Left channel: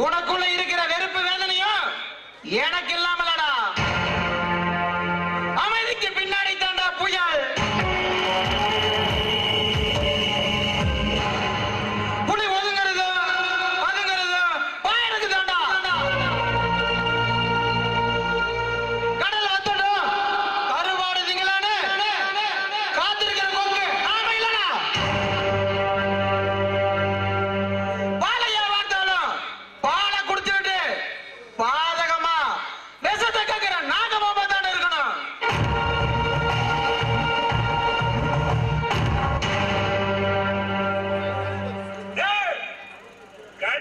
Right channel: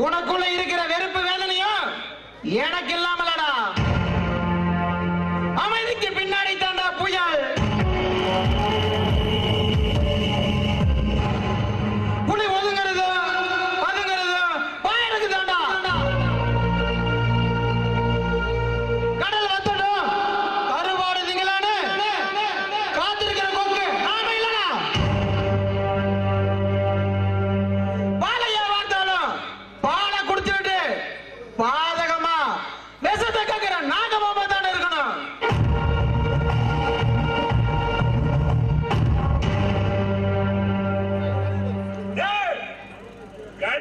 உனக்குள்ள இருக்கிற வெறுப்பு வேதனையும் எனக்கு இல்லாம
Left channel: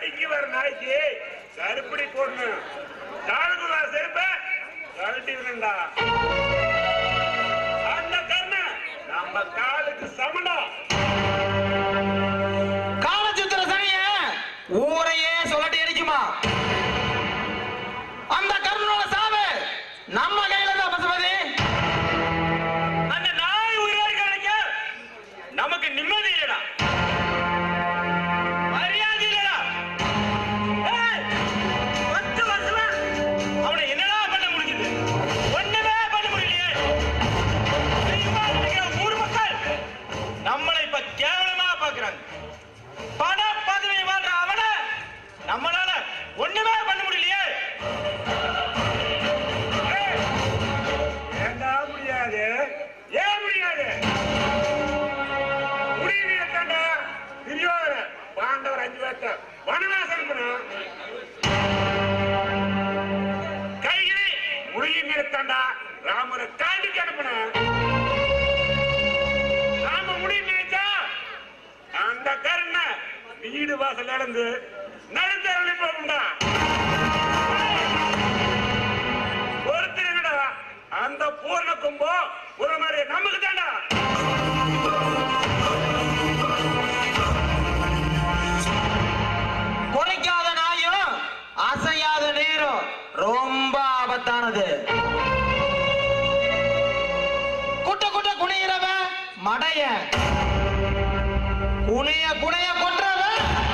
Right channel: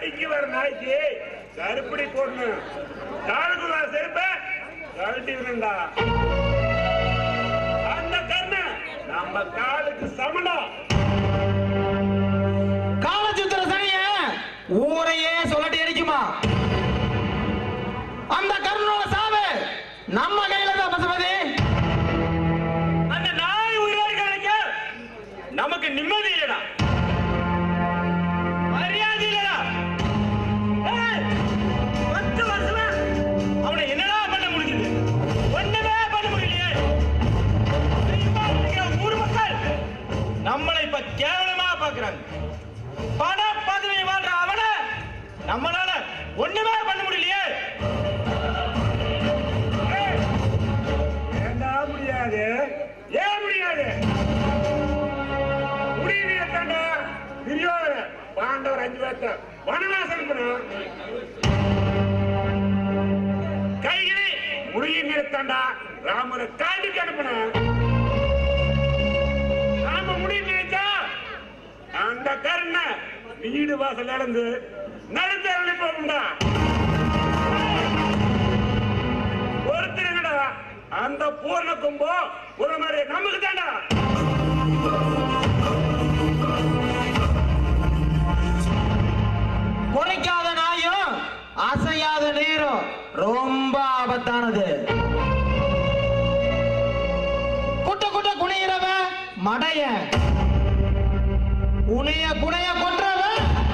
கடிக்கு வர நாய்க்கு கருப்படி போடணும் காலுக்குள்ள செருப்ப கழட்டி விடண்டா அந்த கண்ணு நம்ம காலுக்கு சமண்டா. காலச்சித்திர சனிய ஊரையே சொல்லட்டி அடிக்குமா? அந்த கருணோட சாவு நம்ம கையில தான் பசுபதி. அந்த நாய் உயிரோடு கிடைக்க. நமக்கு நிம்மதி கேவலமா பாக்குறாங்க பண பதவி வாழ்ற அவன நம்மளால ஒண்ணுமே பண்ண முடியலையே. ஏண்டா முடியாது? ஏன் முடியாது? முடியலையே தாண்டா பாண்டவர் அஞ்சு பேர்த்த வனவாசம் அனுப்பணும் முடிய நிறுத்தாண்டா. ராமரை காட்டுக்கு அனுப்பணும் வீடு வாசல் நடந்து நடுத்தரவு போகும்டா ஒருத்தருங்கடா அந்த பூர்ண கும்போ ஒரு மாதிரி நமக்கு தாண்டா குறைக்காத நாயும் அசையாத நீரும் ரொம்ப ஆபத்தானது. குட்ட குட்ட குனிகிறவன் மடைய. குனைய குனைய Bye.